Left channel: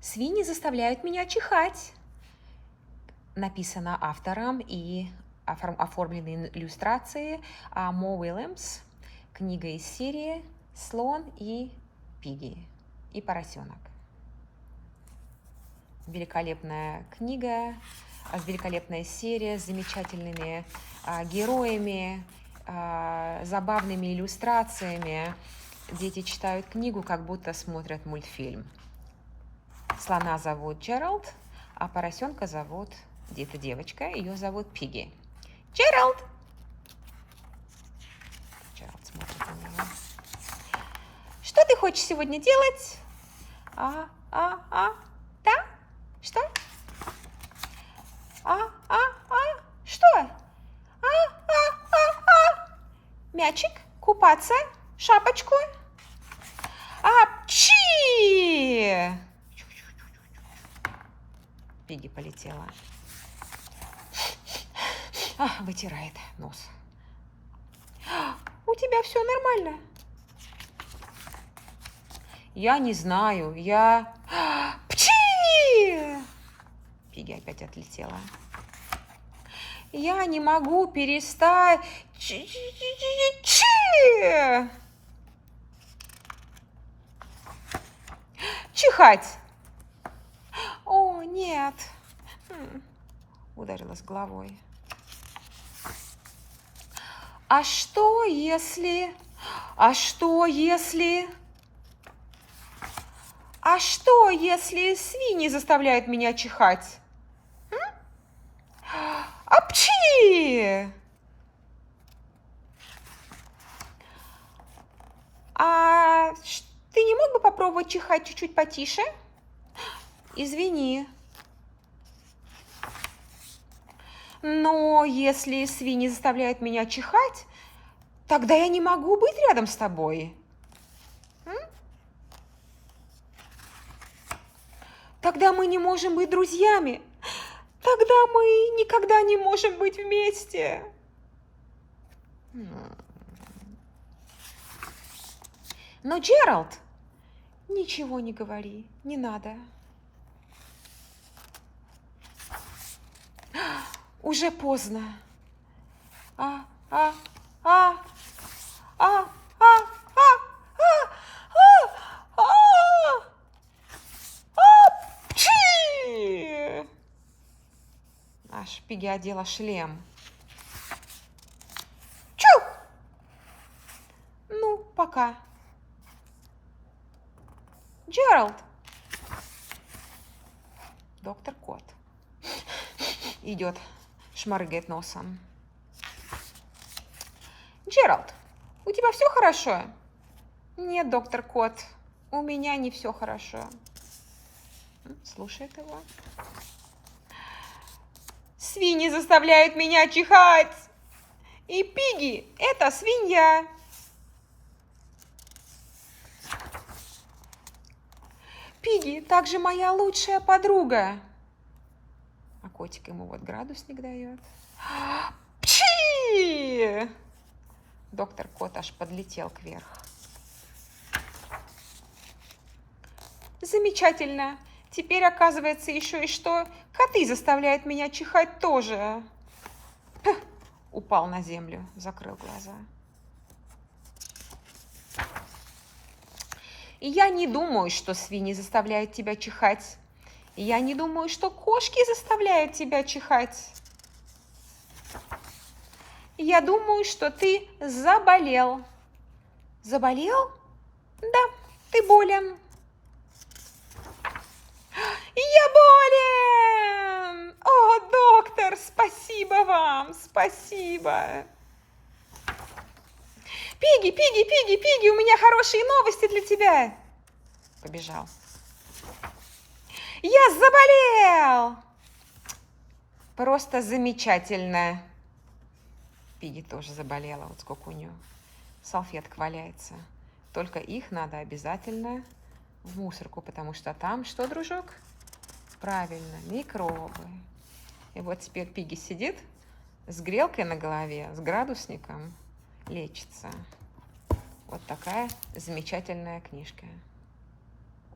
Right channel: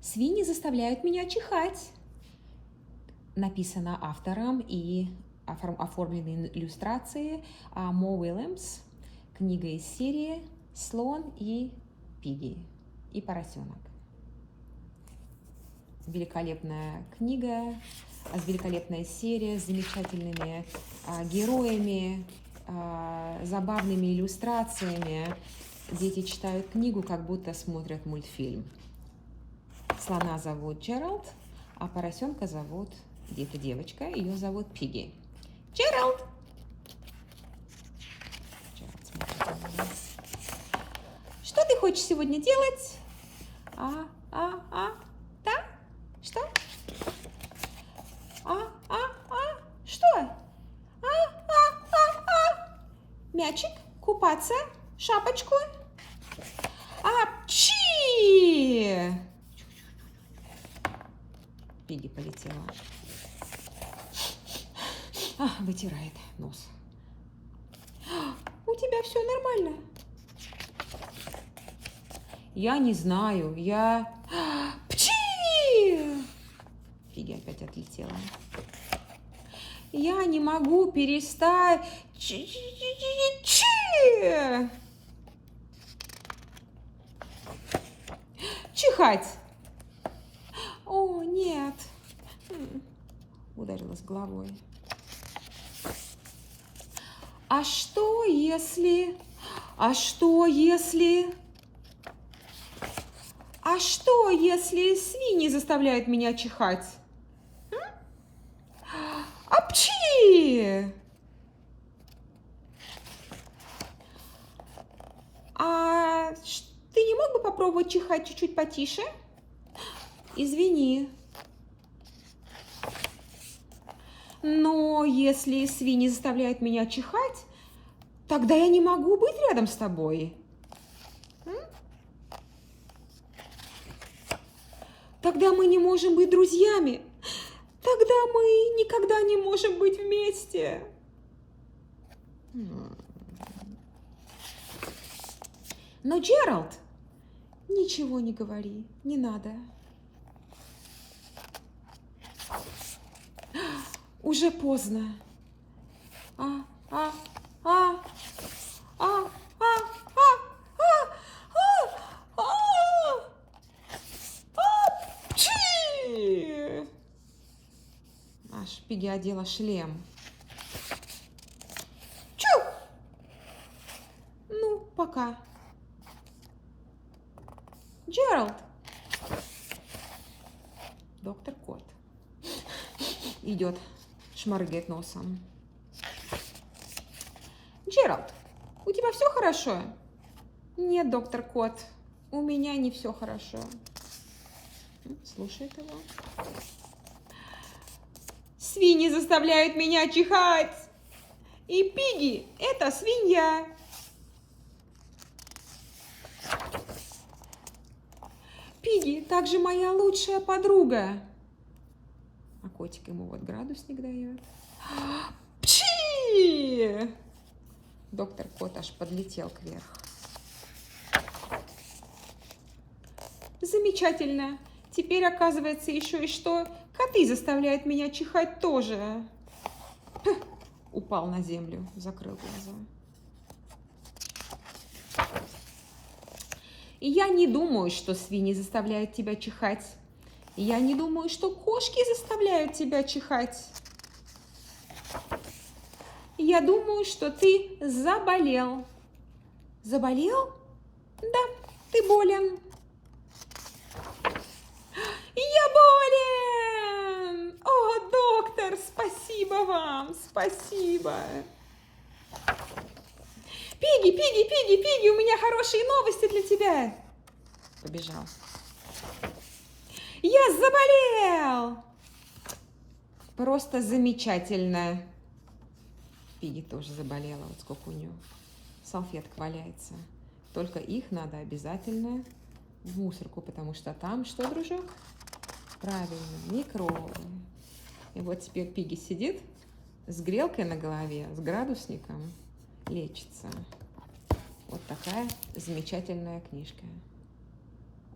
Свиньи заставляют меня чихать. Написано автором и оформлены иллюстрации Мо Уильямс. Книга из серии «Слон и Пигги» и поросенок. Великолепная книга, великолепная серия с замечательными героями, забавными иллюстрациями. Дети читают книгу, как будто смотрят мультфильм. Слона зовут Джеральд, а поросенка зовут, где-то девочка, ее зовут Пигги. Джеральд! Джеральд смотрит на него. Что ты хочешь сегодня делать? Да? Что? Что? Мячик? Купаться? Шапочку? Апчи! Пигги полетела. Вытирает нос. У тебя все нормально? Я не знаю, Пчи! Пигги опять отлетела. Я не могу перестать чихать. О, нет. Ударилась головой. А что если свиньи заставляют меня чихать? Апчи! Ты не мог бы попробовать чихать чуть-чуть потише? Извини. Но если свиньи заставляют меня чихать, тогда я не могу быть рядом с тобой. Тогда мы не можем быть друзьями. Тогда мы никогда не можем быть вместе. Но, Джеральд, ничего не говори, не надо. Уже поздно. Аж Пигги одела шлем. Чу! Ну, пока. Джеральд. Доктор Кот идет, шмаргает носом. Джеральд, у тебя все хорошо? Нет, доктор Кот, у меня не все хорошо. Слушает его. Свиньи заставляют меня чихать. И Пигги – это свинья. Пигги также моя лучшая подруга. А котик ему вот градусник дает. Пчи! Доктор Кот аж подлетел кверх. Замечательно. Теперь оказывается еще и что коты заставляют меня чихать тоже. Упал на землю, закрыл глаза. И я не думаю, что свиньи заставляют тебя чихать. И я не думаю, что кошки заставляют тебя чихать. Я думаю, что ты заболел. Заболел? Да, ты болен. Я болен! О, доктор, спасибо вам, спасибо. Пигги, Пигги, Пигги, Пигги, у меня хорошие новости для тебя. Побежал. Я заболел! Просто замечательно. Пигги тоже заболела. Вот сколько у нее салфеток валяется. Только их надо обязательно в мусорку, потому что там что, дружок? Правильно, микробы. И вот теперь Пигги сидит с грелкой на голове, с градусником, лечится. Вот такая замечательная книжка.